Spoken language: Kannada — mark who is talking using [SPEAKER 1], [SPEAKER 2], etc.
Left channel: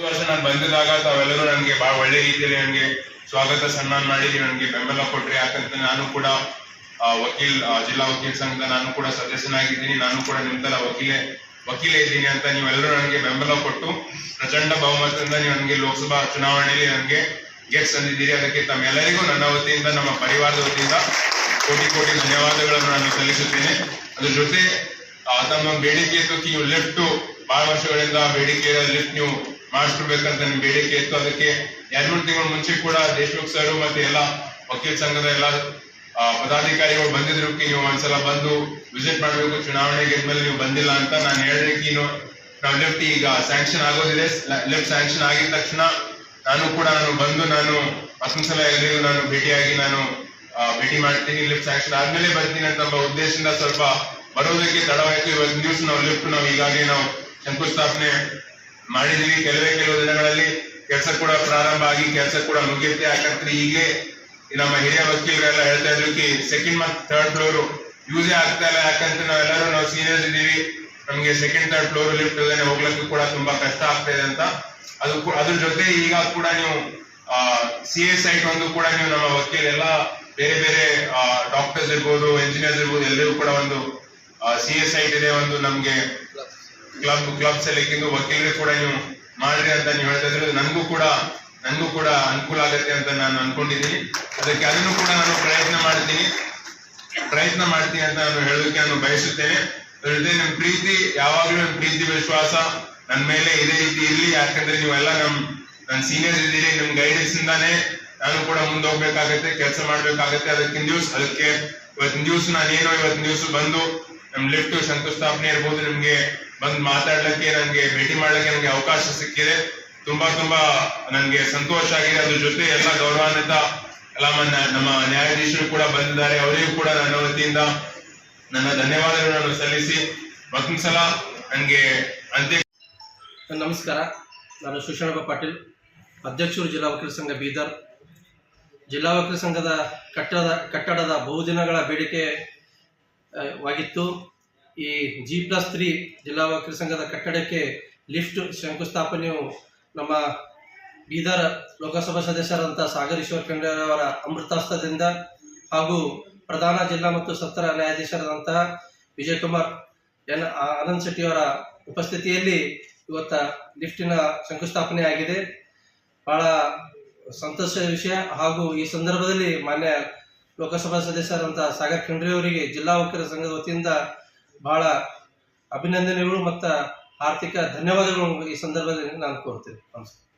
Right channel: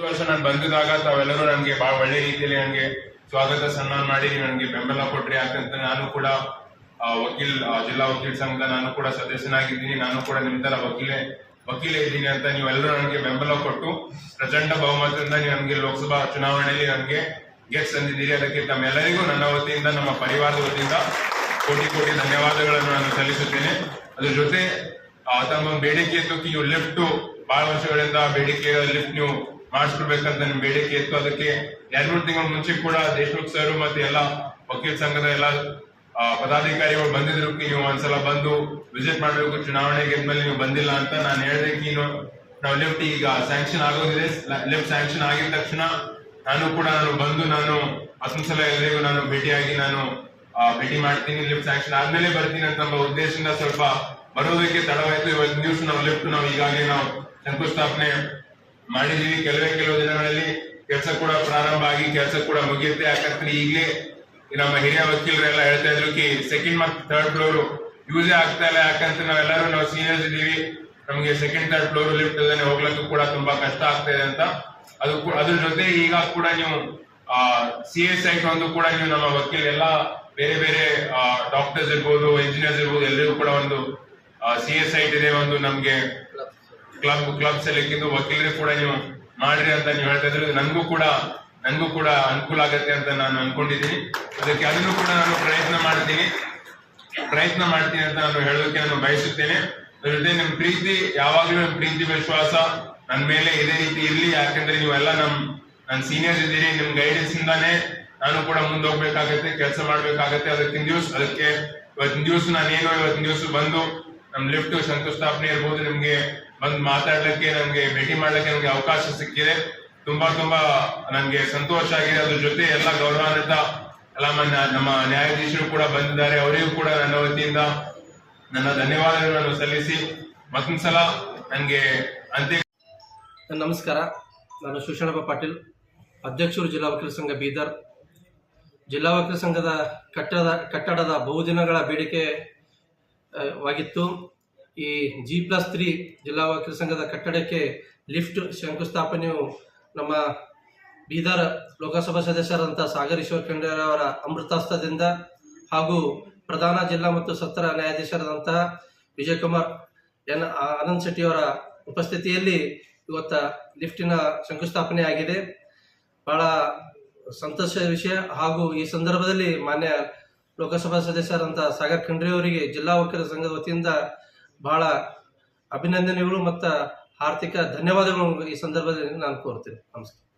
[SPEAKER 1] ಈ ವರ್ಷ ನಾನು ಬಂದಿದಾಗ ತಾವೆಲ್ಲರೂ ನನಗೆ ಬಹಳ ಒಳ್ಳೆ ರೀತಿಯಲ್ಲಿ ನನಗೆ ಸ್ವಾಗತ, ಸನ್ಮಾನ ಮಾಡಿದ್ರಿ, ನನಗೆ ಬೆಂಬಲ ಕೊಟ್ರಿ. ಯಾಕಂತ ನಾನು ಕೂಡ ವಕೀಲ್ ಜಿಲ್ಲಾ ವಕೀಲ್ ಸಂಘದ ನಾನು ಕೂಡ ಸದಸ್ಯನಾಗಿದ್ದೀನಿ. ನಾನು ಕೂಡ ನಿಮ್ದಲ್ಲ ವಕೀಲೆ ವಕೀಲೆ ಇದ್ದೀನಿ ಅಂತ ನೀವೆಲ್ಲರೂ ನನಗೆ ಬೆಂಬಲ ಕೊಟ್ಟು, ಪ್ರಚಂಡ ಬಹುಮತದಿಂದ ನೀವು ನನಗೆ ಲೋಕಸಭಾ ಚುನಾವಣೆಯಲ್ಲಿ ನನಗೆ ಗೆಲ್ಸ್ ತಂದಿದ್ದೀರಿ. ಅದಕ್ಕೆ ತಮ್ಮೆಲ್ಲರಿಗೂ ನನ್ನ ವತಿಯಿಂದ, ನಮ್ಮ ಪರಿವಾರದ ವತಿಯಿಂದ ಕೋಟಿ ಕೋಟಿ ಧನ್ಯವಾದಗಳನ್ನು ನಾನು ಸಲ್ಲಿಸುತ್ತೇನೆ. ಅದ್ರ ಜೊತೆ ತಮ್ಮ ಬೇಡಿಕೆ ಇತ್ತು ಲಿಫ್ಟು. ಲಿಫ್ಟ್ ಬಹಳ ವರ್ಷಗಳಿಂದ ಬೇಡಿಕೆ ಲಿಫ್ಟ್ ನೀವು ಮಾಡಿಸ್ಕೊಡ್ಬೇಕಂತ ನಿಮ್ ಬೇಡಿಕೆ ಇತ್ತು. ಅದಕ್ಕೆ ಎರಡ್ ಮೂರು ತಿಂಗಳ ಮುಂಚೆ ಕೂಡ ದೇಶಮುಖ್ ಸರ್ ಮತ್ತೆ ಎಲ್ಲ ವಕೀಲ ಸಂಘದ ಎಲ್ಲ ಪದಾಧಿಕಾರಿಗಳು ಬಂದಿದ್ರು. ನೀವು ಒಂದ್ಸಲ ಬಂದು ವಿಸಿಟ್ ಮಾಡಬೇಕು. ಚುನಾವಣೆ ಗೆದ್ಮೇಲೆ ನೀವು ಬಂದಿಲ್ಲ ಅಂತ ನಾನು ಹೇಳಿದೆ. ನೀವು ಲೆಫ್ಟ್ ಈಗ ಸ್ಯಾಂಕ್ಷನ್ ಆಗೋದಿದೆ. ಲೆಫ್ಟ್ ಸ್ಯಾಂಕ್ಷನ್ ಆಗಿದ ತಕ್ಷಣ ನಾನು ಕೂಡ ನಾನು ಬಂದು ನಾನು ಅಸಂಸಲ ಎಲ್ಲರಿಗೂ ನಾನು ಭೇಟಿಯಾಗಿ ನಾನು ಭೇಟಿ ಮಾಡ್ತೀನಿ. ಲಿಫ್ಟ್ ಸ್ಯಾಂಕ್ಷನ್ ಆದ್ಮೇಲೆ ಬರ್ತೀನಿ ಅಂತ ಉದ್ದೇಶದಿಂದ ಸ್ವಲ್ಪ ಬರೋದಕ್ಕೆ ತಡವಾಯ್ತು. ಇವತ್ತು ನ್ಯೂಸ್ ನಾವು ಲಿಫ್ಟ್ ನಾವು ಈಗಾಗಲೇ ನಾವು ಶಂಕುಸ್ಥಾಪನೆ ಮಾಡಿದೀವಿ. ಕೆಲವೇ ಕೆಲವು ದಿನಗಳಲ್ಲಿ ಕೆಲಸ ಕೂಡ ಪ್ರಾರಂಭ ಆಗಿ ಕೆಲಸ ಕೂಡ ಮುಗಿಯುತ್ತೆ. ಯಾಕಂದ್ರೆ ಈಗಲೇ ನಮ್ಮ ಹಿರಿಯ ವಕೀಲರೆಲ್ಲ ಹೇಳ್ತಾ ಇದ್ರು ಕಿ ಸೆಕೆಂಡ್ ಮತ್ತು ಥರ್ಡ್ ಫ್ಲೋರ್ ಯೂಸೇ ಆಗ್ತಾ ಇಲ್ಲ. ಯಾಕಂದ್ರೆ ನಾವೆಲ್ಲರೂ ನಾವು ಸೀನಿಯರ್ಸ್ ಇದ್ದೀವಿ. ನಮಗೆ ಸೆಕೆಂಡ್ ಥರ್ಡ್ ಫ್ಲೋರ್ ಲಿಫ್ಟ್ ಇಲ್ಲದೆ ಹೋಗ್ಲಿಕ್ಕೂ ಕೂಡ ತುಂಬಾ ಕಷ್ಟ ಆಗ್ತಾ ಇದೆ ಅಂತ. ಅದು ಅದ್ರ ಜೊತೆ ಈಗ ಕೂಡ ನೀವು ಸಿ ಎಸ್ ಐ ಒಂದು ಕೂಡ ನೀವು ನಮ್ಮ ವಕೀಲ ಎಲ್ಲ ಬೇರೆ ಬೇರೆ ಡಾಕ್ಟರ್ಸ್ ಇರ್ಬೋದು ಇಂಜಿನಿಯರ್ಸ್ ಇರ್ಬೋದು ಎಲ್ಲರಿಗೂ ಕೂಡ ಒಂದು ಸಿ ಎಸ್ ಐ ಇದೆ ಒಂದು ನಮ್ಗೆ ಕ್ಲಬ್ ಕ್ಲಬ್ ಸೆಲೆಕ್ಟಿಂಗ್ ವಕೀಲರು ಕೂಡ ನೀವು ಮಾಡ್ರಿ ಅಂತ ನೀವು ಹೇಳ್ತಾ ಇದ್ರೆ. ನನಗೂ ಕೂಡ ನನಗೂ ಕೂಡ ಅನುಕೂಲ ಆಗತ್ತೆ ಅಂತ ನಾನು ಅನ್ಕೊಂಡಿದ್ದೀನಿ. ಅದಕ್ಕೆ ಅದನ್ನು ಕೂಡ ನಾನು ಪ್ರಯತ್ನ ಮಾಡ್ತೀನಿ. ಪ್ರಯತ್ನ ಮಾಡ್ತೀನಿ ಅಂತ ನಾನು ಹೇಳೋಕೆ ನಾನು ಬಯಸುತ್ತೇನೆ. ಅದ್ರ ಜೊತೆ ನಿಮ್ ಪ್ರೀತಿ, ಯಾವಾಗ್ಲೂ ನಿಮ್ ಪ್ರೀತಿ ವಿಶ್ವಾಸ ನನ್ನ ಮೇಲೆ ಇದೇ ರೀತಿ ಇರಲಿ. ಯಾಕಂದ್ರೆ ನೀವೆಲ್ಲ ನಮ್ ನನ್ನ ಸೀನಿಯರ್ ಇದ್ದೀರಿ. ನಿಮ್ ಗೈಡೆನ್ಸ್ ಇಂದಾನೆ ನಾನು ಕೂಡ ಮುಂದೆ ಹೋಗ್ಬೇಕಾಗತ್ತೆ, ಕೆಲಸ ಮಾಡ್ಬೇಕಾಗತ್ತೆ. ಅದಕ್ಕಿನ ದಿವಸ, ಅದಕ್ಕೆ ಇವತ್ತಿನ ದಿವಸ ನಾನೇನು ಇವತ್ತಿನ ದಿವಸ ಬಂದು ನಮ್ ಲಿಫ್ಟ್ ಶಂಕುಸ್ಥಾಪನೆ ಇರ್ಬೋದು. ನಿಮ್ಗೆ ಬಂದು ಮಾತಾಡ್ಲಿಕ್ಕೆ ನನ್ಗೆ ಭೇಟಿ ಮಾಡ್ಲಿಕ್ಕೆ ನನಗೆ ಅವಕಾಶ ಸಿಕ್ಕಿದೆ. ತುಂಬಾ ತುಂಬಾ ನನ್ಗೆ ಸಂತೋಷ ಆಗಿದೆ. ಅದ್ರ ಜೊತೆ ಎಲ್ಲ ಗೌರವಾನ್ವಿತ ಎಲ್ಲ ನಮ್ಮ ನ್ಯಾಯಾಧೀಶರು ಕೂಡ ಬಂದಿದ್ದಾರೆ. ಅವರಿಗೂ ಕೂಡ ನನ್ನ ವತಿಯಿಂದ ನನ್ನ ಧನ್ಯವಾದಗಳನ್ನು ಸಲ್ಲಿಸಿ. ಮತ್ತೊಂದ್ಸಲ ನನಗೆ ಅಂತ್ಯ
[SPEAKER 2] ನಮಸ್ಕಾರ. ನಾನು ಶಿವಶರಣಪ್ಪ ಪಾಟೀಲ್, ಅಧ್ಯಕ್ಷರು ಜಿಲ್ಲಾ ವಕೀಲ ಸಂಘ ಬೀದರ್. ಜಿಲ್ಲಾ ವಕೀಲ ಸಂಘದ ಕಟ್ಟಡದ ಕಟ್ಟಡದ ಬಹುದಿನಗಳ ಬೇಡಿಕೆ ವಾಗಿತ್ತು. ಈ ಜಿ ಪ್ಲಸ್ ತ್ರೀ ಜಿಲ್ಲಾ ವಕೀಲ ಸಂಘದ ಕಟ್ಟಡಕ್ಕೆ ಲಿಫ್ಟ್ ಶಂಕುಸ್ಥಾಪನೆಯು ನಮ್ಮ ಬೀದರ್ ಲೋಕಸಭಾ ಸದಸ್ಯರಾದಂಥ ಸಾಗರ್ ಈಶ್ವರ್ ಖಂಡ್ರೆ ಅಮೃತಾಸ್ತ್ರದಿಂದ ಹಾಗೂ ಪ್ರಧಾನ ಜಿಲ್ಲಾ ಮತ್ತು ಸತ್ರ ನ್ಯಾಯಾಧೀಶರಾದಂತಹ ವಿಜಯಕುಮಾರ್ ಎನ್ ಆನಂದ್ ಶೆಟ್ಟಿ ಅವರ ಉಪಸ್ಥಿತಿಯಲ್ಲಿ ಇವತ್ತ ಲಿಫ್ಟಿನ ಶಂಕುಸ್ಥಾಪನೆ ಆಗಿದೆ. ಬಹಳ ಸಂತೋಷದ ವಿಷಯ ಹಾಗೂ ಈ ಸಂದರ್ಭದಲ್ಲಿ ಮಾನ್ಯ ಲೋಕಸಭಾ ಸದಸ್ಯರಾದಂಥ ಸಾಗರ್ ಖಂಡ್ರೆ ಅವರಿಗೆ ಜಿಲ್ಲಾ ವಕೀಲರ ಸಂಘದ ವತಿಯಿಂದ ಬಹಳ ಅಭಿನಂದನೆಗಳು ಮತ್ತು ಆರ್ಥಿಕ ಧನ್ಯವಾದಗಳು ಈ ಸಂದರ್ಭದಲ್ಲಿ ನಾನು ಕೋರ್ತೇನೆ ನಮಸ್ಕಾರ.